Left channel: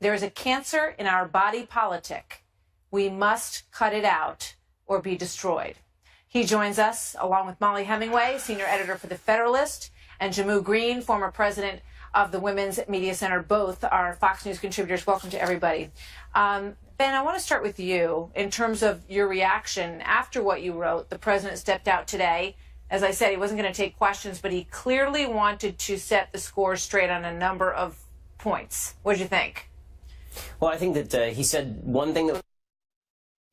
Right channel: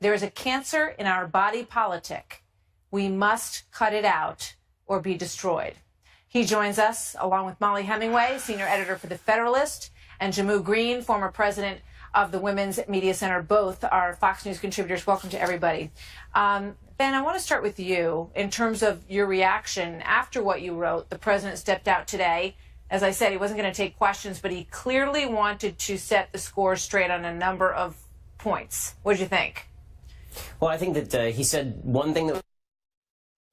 There is a cancer in our body politic. We must cut it out or be destroyed. He joins us along with Molly Hemingway, senior editor for The Federalist, and Jamu Green, former president of the Women's Media Center. Both are Fox News contributors. Welcome to everybody. Ben, I want to start with you in terms of your reaction after what you wrote. The president stepped out today. As I said, he wasn't going to take questions, but he clearly wanted to set the score straight on a number of points. What did you think? Well, I think that he said one thing that...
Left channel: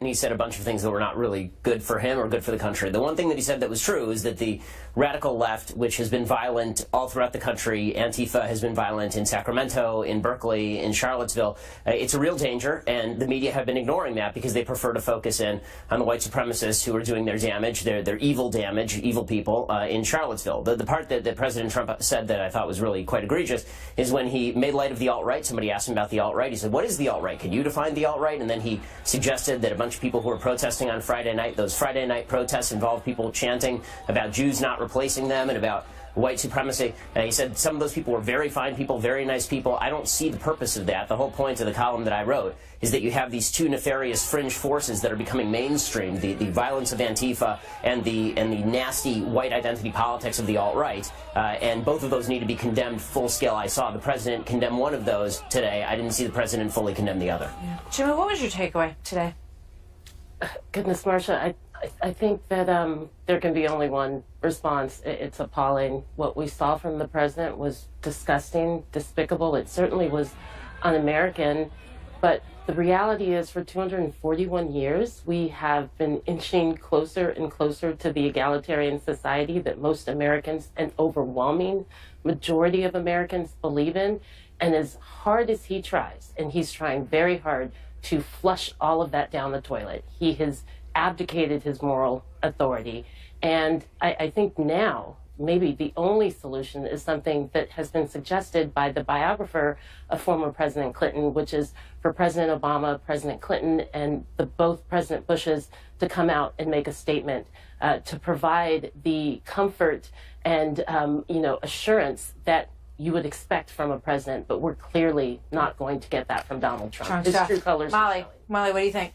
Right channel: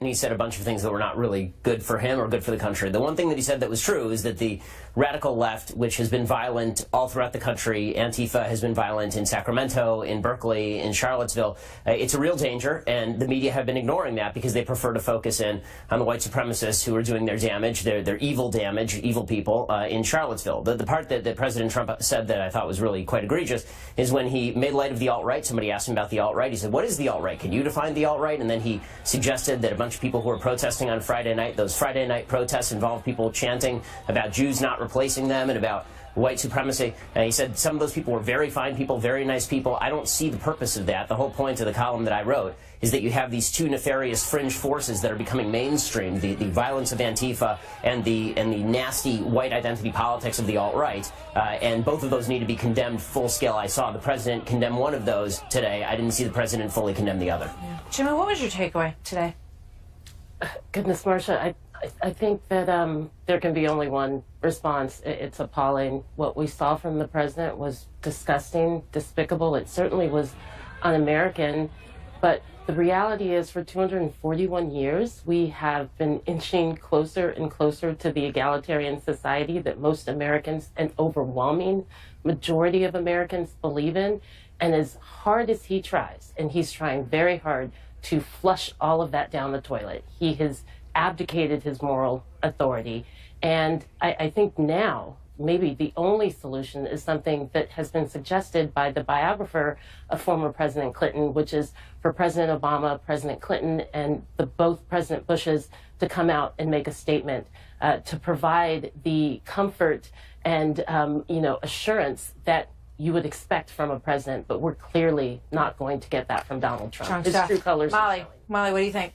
And he said a bunch of things that were not really good for him or good for the country. The one thing that he said that was true is that the radical left, which has been violent all throughout the country, Antifa has been violent in Sacramento, in Berkeley, in Charlottesville, it's a real danger, and the media have been ignoring that because they prefer to focus in on the white supremacists who are doing their damage, their evil damage, evil people in Charlottesville. The part that President Trump said that I thought was really quite egregious is when he made light of the alt-right. Somebody asked him about the alt-right. He said, what is the alt-right? Can you define the alt-right? And then he suggested that a bunch of people who were protesting on Friday night, those Friday night protests involved people chanting about Jews not replacing them and about white supremacy. And he said some of those people were very fine people, very nice people. I don't see the purpose of that. The whole point of the column that I wrote is that you have these two nefarious fringe forces that are becoming mainstream, the violence of Antifa and the nasty white identity politics of the alt-right. And both of those need to be condemned full scale. I saw the president condemn one of those today. I didn't see the president fully condemn the other. Yeah. Jimmy, what was your takeaway today? Goodness, Marcia, I think that there can be only one response. It's appalling. What we saw from the president was disgusting, despicable. It certainly was un-American. But the reality is, for 241 years, we have been inching closer and closer to the egalitarian society that most Americans, an overwhelming majority of Americans, believe in. And as hard as he tries, and he's trying very hard to flush all of that down the toilet, he has abdicated his moral authority. And I think now maybe the only solution is something that has been suggested by the biographer of former President Clinton, which is for President Obama, President Clinton, and both President Bushes to come out and make a statement to provide the comfort and assurance that you would expect from a president, but we're clearly not going to get that from Donald Trump. His true colors. Molly, what do you think?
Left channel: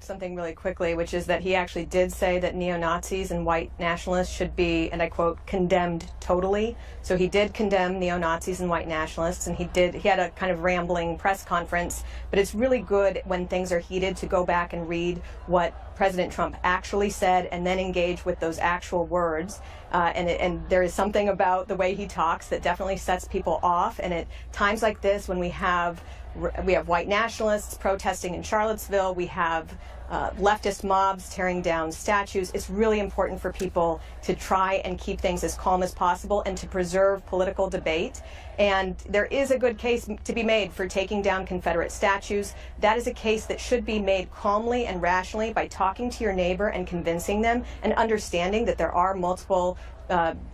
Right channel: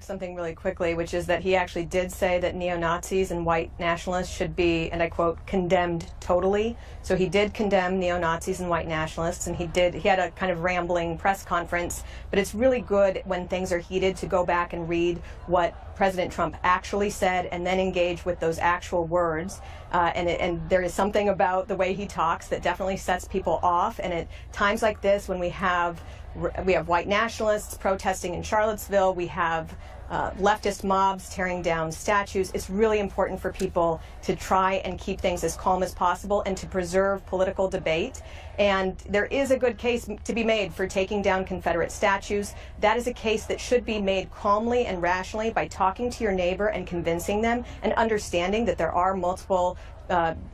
Something really quickly, which is that he actually did say that neo-Nazis and white nationalists should be, and I quote, condemned totally. So he did condemn neo-Nazis and white nationalists, and he had a kind of rambling press conference. But it's really good when things are heated to go back and read what President Trump actually said and then engage with those actual words. And there is something about the way he talks that definitely sets people off. And at times like this, when we have white nationalists protesting in Charlottesville, we have leftist mobs tearing down statues. It's really important for people to try and keep things as calm as possible and to preserve political debate. And there is a good case to be made for taking down Confederate statues. That is a case that should be made calmly and rationally by talking to your neighbor and convincing them and understanding that there are multiple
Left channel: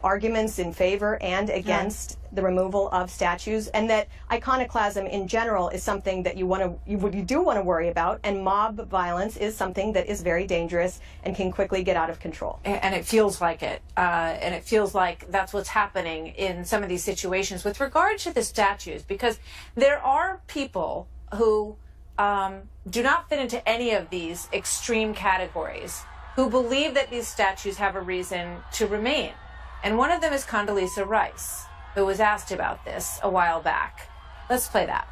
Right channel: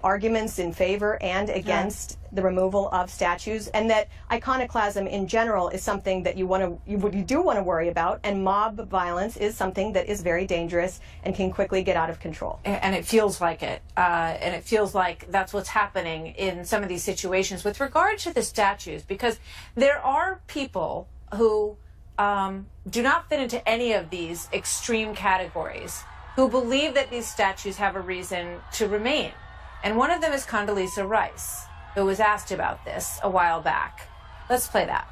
arguments in favor and against the removal of statues, and that iconoclasm in general is something that you do want to worry about, and mob violence is something that is very dangerous and can quickly get out of control. And it feels like it, and it feels like that's what's happening in some of these situations with regard to the statues, because there are people who do not fit into any of these extreme categories, who believe that these statues have a reason to remain. And one of them is Condoleezza Rice, who was asked about this a while back. Let's play that.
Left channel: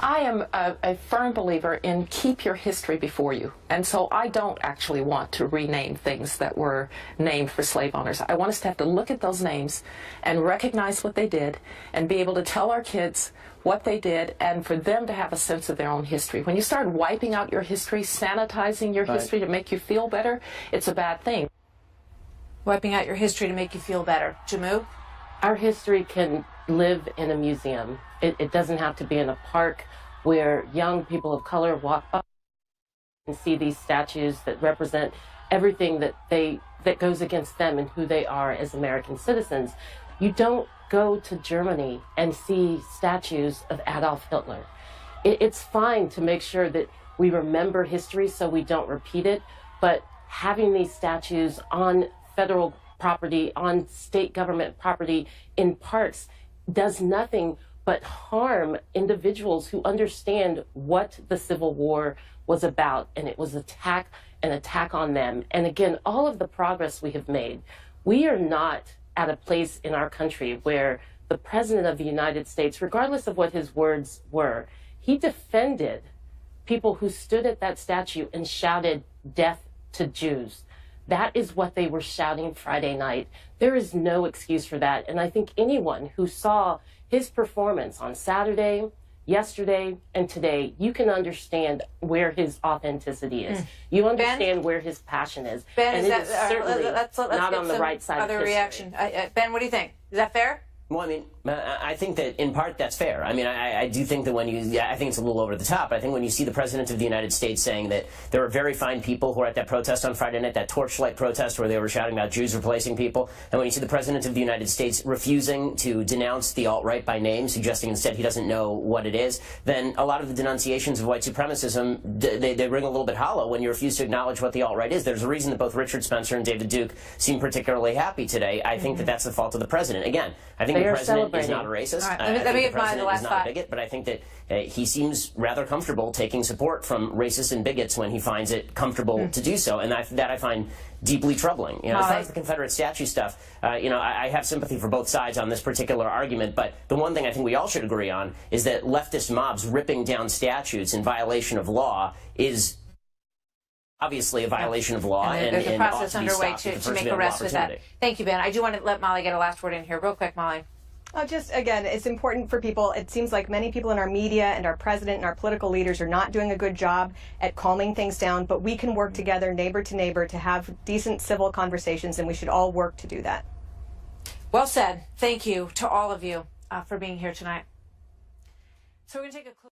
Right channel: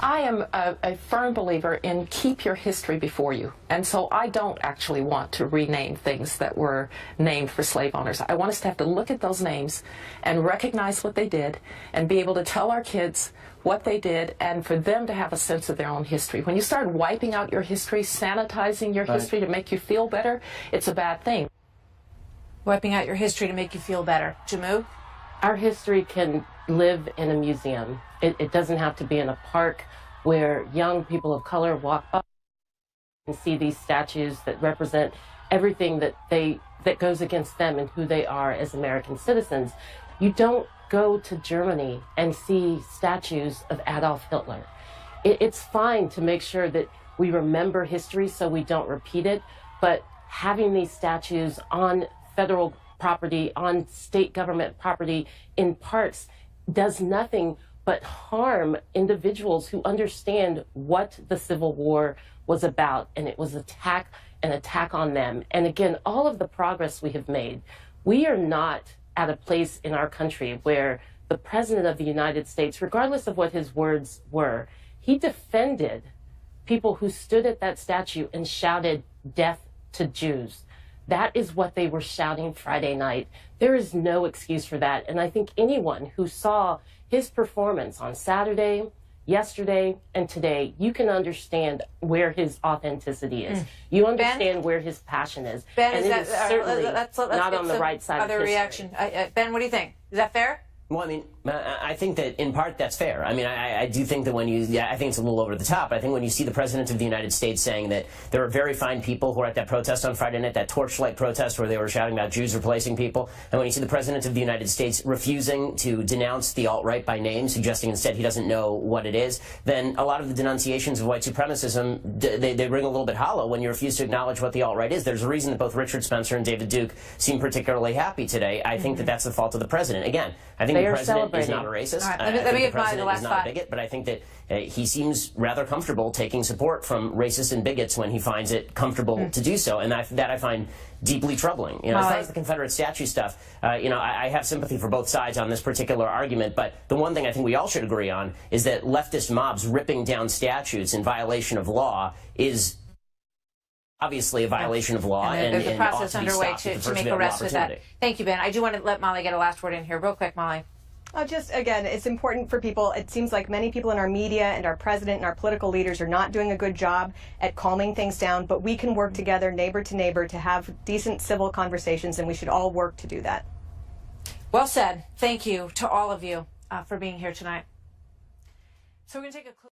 I am a firm believer in keep your history before you. And so I don't actually want to rename things that were named for slave owners. I want us to have to look at those names and recognize what they did and be able to tell our kids what they did and for them to have a sense of their own history. When you start wiping out your history, sanitizing your history to make you feel better, it's a bad thing. Wiping out your history to make you feel better. Jamu? Our history can live in a museum. It doesn't have to be in a park where young people of color walk up and see these statues that represent everything that goes against them and who they are as American citizens. You don't go to Germany and see statues of Adolf Hitler. It's fine to make sure that we remember history so we don't repeat it, but having these statues on federal property, on state government property, in parks, does nothing but harm individuals who understand what the Civil War was about, and it was an attack on them. And again, all of the progress we have made, we are not at a place in our country where the President of the United States, regardless of what his words were, he defended people who stood at that statue and shouted, "Death to Jews." That is what they were shouting Friday night. There is no excuse for that. And I think anyone who saw his performance on Saturday, yesterday, and today, you can understand where his authenticity is. You understand where his passion is. Ben, and it is certainly let's not on the right side of history. Reaction. Ben, what do you think? Is that fair? Well, I mean, I think that in part that's fair. I mean, I do think that when I think it's a little over the top. I think when you see the President of the United States saying that there are very fine people who are at that protest on Friday night, that torchlight protest where they were shouting about Jews replacing people, and when you see the President of the United States refusing to denounce the alt-right by name, suggesting instead he doesn't know what it is, then a lot of the denunciations of white supremacism, they ring a little bit hollow when you refuse to acknowledge what the alt-right is. There's a reason that both Richard Spencer and David Duke seem particularly happy today. I think that that's the fault of the President. Again, I think the President is not a racist. Right, I think the President last is not thought. a bigot, but I think that he seems rather comfortable taking support from racists and bigots when he finds it comfortable to do so, and that I find deeply troubling. You know, as far as the Confederate statue stuff, you know, I have sympathy for both sides on this particular argument, but the one thing I think we all should agree on is that leftist mobs ripping down statues in violation of law is obviously a violation of law, and there's a process ought to be underway stopped to make arrests with that. Thank you, Ben. I do want to let Molly get a last word in here. Real quick, Molly. Just, again, it's important for people. It seems like many people in our media and our president and our political leaders are not doing a good job at calming things down, but we can work together, neighbor to neighbor, to have decent civil conversations, and we should all work to do that. Well said. Thank you to all of you for being here tonight. So we're going to take a